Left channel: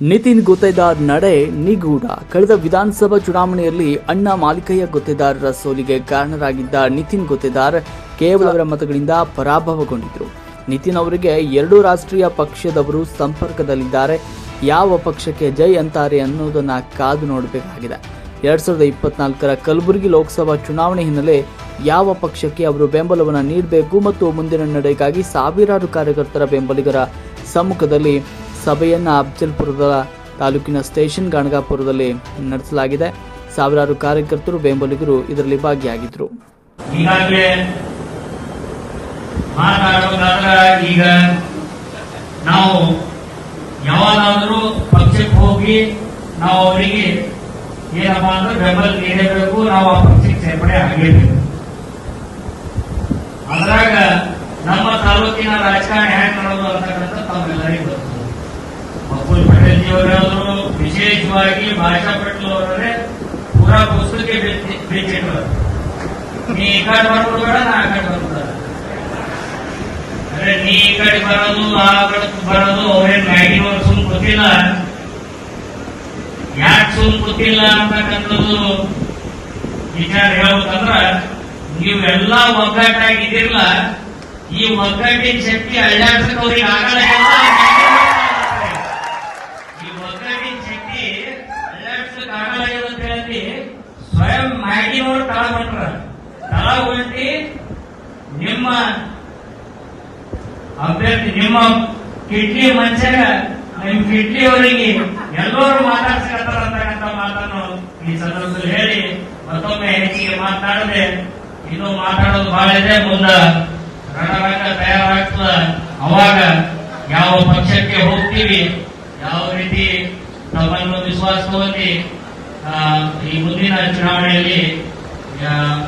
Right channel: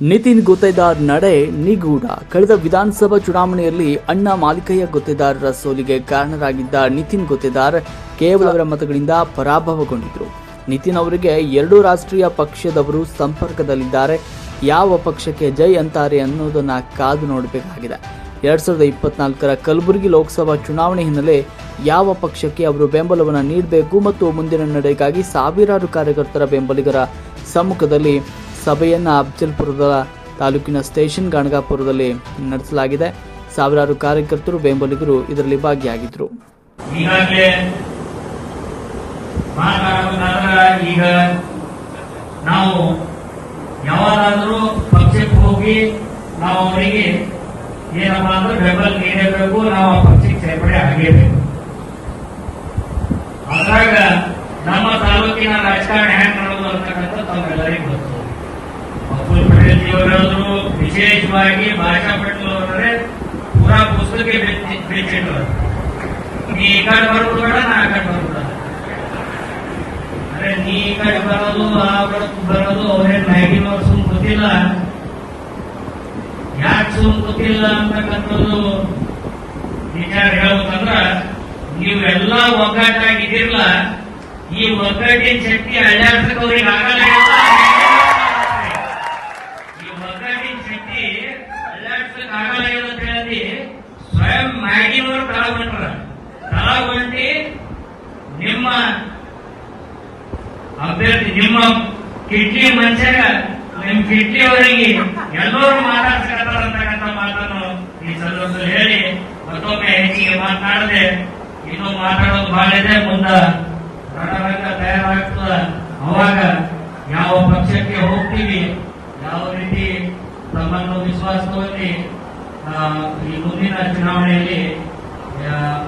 ನಿತಿನ್ ಗುತ್ತೇದಾರ್ ನಡೆ ನಿಗೂಢ. ಕಳೆದ ವಿಧಾನಸಭಾ ಚುನಾವಣೆಯಲ್ಲಿ ಅಣ್ಣ ಮಾಲಿಕಯ್ಯ ಗುತ್ತೇದಾರರ ಸೋಲಿಗೆ ಕಾರಣರಾಗಿದ್ದ ನಿತಿನ್ ಗುತ್ತೇದಾರ್ ಕೇವಲ ಅವರ ಮತಗಳಿಂದ ಪರಾಭವಗೊಂಡಿದ್ರು. ನಿತಿನ್ ಅವರಿಗೆ ಎರಡು ರಾಷ್ಟ್ರೀಯ ಪಕ್ಷದವರು ಸಂಪರ್ಕದಲ್ಲಿದ್ದಾರೆ. ಯಾವ ಪಕ್ಷಕ್ಕೆ ಜೈ ಅಂತಾರೆ ಅನ್ನೋದನ್ನ ಕಾದು ನೋಡಬೇಕಾಗಿದೆ. ಎರಡ್ ಸಾವಿರದ ಇಪ್ಪತ್ನಾಲ್ಕರ ಕಲಬುರಗಿ ಲೋಕಸಭಾ ಚುನಾವಣೆ ಹಿನ್ನೆಲೆ ಯಾವ ಪಕ್ಷಕ್ಕೆ ಅವರು ಬೆಂಬಲವನ್ನು ನೀಡಬೇಕು ಮತ್ತು ಮುಂದಿನ ನಡೆಗಾಗಿ ಸಾವಿರಾರು ಕಾರ್ಯಕರ್ತರ ಬೆಂಬಲಿಗರ ಸಮ್ಮುಖದಲ್ಲಿ ಸಭೆಯನ್ನ ಅಫ್ಜಲ್ಪುರದ ತಾಲೂಕಿನ ಸ್ಟೇಷನ್ ಗಣಗಾಪುರದಲ್ಲಿ ನಡೆಸಲಾಗಿದೆ. ಸಾವಿರಾರು ಕಾರ್ಯಕರ್ತರು, ಬೆಂಬಲಿಗರು ಇದರಲ್ಲಿ ಭಾಗಿಯಾಗಿದ್ದರು. ಈಗ ನಾವು ಯಾವಾಗಾದರೂ ಪಕ್ಷಕ್ಕೆ ಹೋಗಿ ನಾವು ಅವರಿಗೆ ಏನಪ್ಪ ಅಂದ್ರೆ ಬೆಂಬಲ ನೀಡಬೇಕು, ನಾವು ಆ ಪಕ್ಷಕ್ಕೆ ಸೇರ್ಪಡೆ ಆಗಲೇಬೇಕು. ಅದ್ರಾಗ ನಮ್ಮ ತಾಲೂಕಿನ ರಾಜಕಾರಣ ವಿಶೇಷವಾಗಿ ಭಾಷಾ ಅವರೇ ಪೂರಾ ಪುಸ್ತಕ ನೀ ಈ ಕಡೆ ಬರೋದು ಬೇಡ, ನಾ ಕಡೆ ಬರೋದು ನೀ ಈ ಕಡೆ ಬರೋದು, ಆ ಕಡೆ ಬರೋದು ಅವ್ರೇನ್ ಮ್ಯಾಗಿನವ್ರು ಸುಮ್ ಗೊತ್ತಿಲ್ಲ. ಯಾಕೆ ಸುಮ್ ಗೊತ್ತಿಲ್ಲ ಅಂತಕ್ಕಂಥದ್ದು ವಿಚಾರ ಹೇಳ್ಬೇಕಂದ್ರ, ನೀವೆಲ್ಲ ಒಗ್ಗಟ್ಟಾಗಿದ್ದಿಲ್ಲ ಈ ಒಗ್ಗಟ್ಟಿನ ಶಕ್ತಿ ಅಳ್ಳಾಡ್ಸಕ್ ಅವ್ರಿಗೆ ಆಗಲ್ಲ ಈ ಅಳ್ಳಾಡ್ಸಕ್ ಆಗಲ್ಲ ಅಂತ ಹೇಳಿ ಸ್ವಯಂ ಮ್ಯಾಗಿನವರು ತಳಗೊಂಡ್ರ ತಳಗೊಂಡು ನಿಮ್ಮ ಅಭ್ಯರ್ಥಿ, ನಿಮ್ಮ ಕಿಡ್ನಿ ಮನುಷ್ಯಗ ನಿಮ್ ಕಿಡ್ನಿ ಎಲ್ಲರೂ ಮಾತಾಡ್ಸಕತ್ತಾರ ಅಂತಕ್ಕಂಥ ಮಾತನ್ನು ಈ ಸಂದರ್ಭದಲ್ಲಿ ಹೇಳಿ, ಮತ್ತೊಮ್ಮೆ ಹೆಚ್ಚಿಗೆ ಮಾತನಾಡದೆ ಇದು ಮಾತಾಡೋದು ಬಹಳ ಇದೆ. ಮುಂದ ರಣರಂಗ ತಯಾರಾಗ್ತದ. ಅವಾಗ ಯಾವ ಪಕ್ಷಕ್ಕೆ ಹೋಗ್ತೀವಿ ಆ, ಈ ಮುಂದಿನ ಚುನಾವಣೆಯಲ್ಲಿ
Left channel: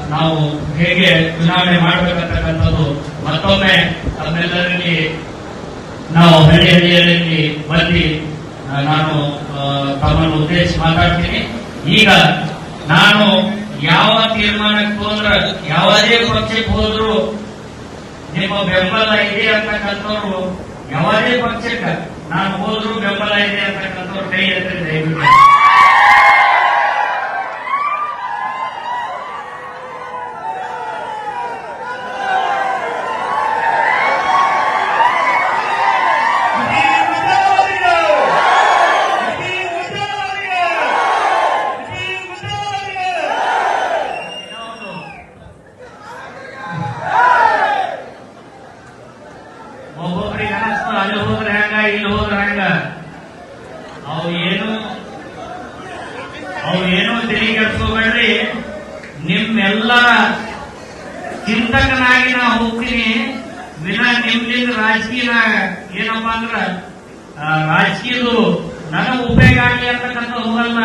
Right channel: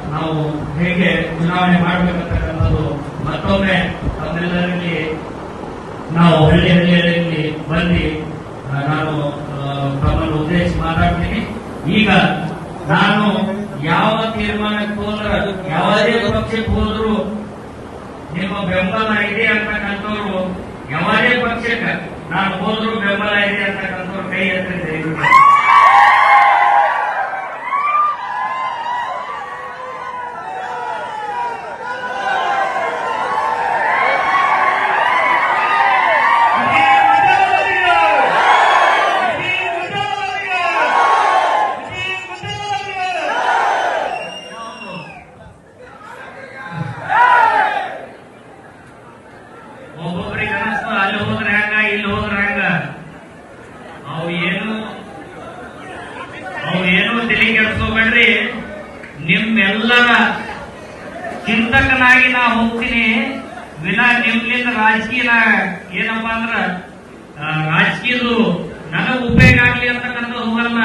ನಾವು ಹೇಗೆ ಚುನಾವಣೆ ಮಾಡಬೇಕಂತಕ್ಕಂಥದ್ದು ಮತ್ತೊಮ್ಮೆ ತಮ್ಮೆಲ್ಲರಲ್ಲಿ ನಾವು ಹಳ್ಳಿ ಹಳ್ಳಿಯಲ್ಲಿ ಬಂದು ನಾನು ತಮ್ಮನ್ನು ಉದ್ದೇಶಿಸಿ ಮಾತಾಡ್ತೀನಿ. ಈಗ ನಾನು ಯಾವ ತೀರ್ಮಾನಕ್ಕೆ ಹೋದ್ರ ಯಾವುದೇ ಪಕ್ಷಕ್ಕೆ ಹೋದ್ರು ನಿಮ್ಮ ಬೆಂಬಲ ಇದೆ ಅಂತಕ್ಕಂಥವ್ರು ಯಾವುದೇ ಪಕ್ಷಕ್ಕೆ ನಾನು ಹೋದ್ರು ಬೆಂಬಲ ಇದೆ ಅಂತಕ್ಕಂಥವ್ರು ಕೈ ಎತ್ತಿ ದಯವಿಟ್ಟು ಅನಿಸ್ತಲ್ಲ ಅಲ್ಲಿ ಹೋದ್ರೆ ಹೆಂಗ, ಇಲ್ಲಿ ಹೋದ್ರೆ ಹೆಂಗ? ಅವು ಏನು ಅವು ಏನು ತಿಳಿ ಕೆಡ್ಸ್ಕೊಬೇಡ್ರಿ? ನಿಮ್ಮೆಲ್ಲರ ಚಿಂತಕನಾಗಿ ನಾ ಹೋಗ್ತೀನಿ. ವಿನಾ ನಿಮ್ಮಿಂದ ರಾಜಕೀಯ ಏನಪ್ಪಾ ಅಂದ್ರ ರಾಜಕೀಯದು ನನಗ ಉಪಯೋಗ ಆಗಲಿ ಅಂತಕ್ಕಂಥ ಹೋಗಲ್ಲ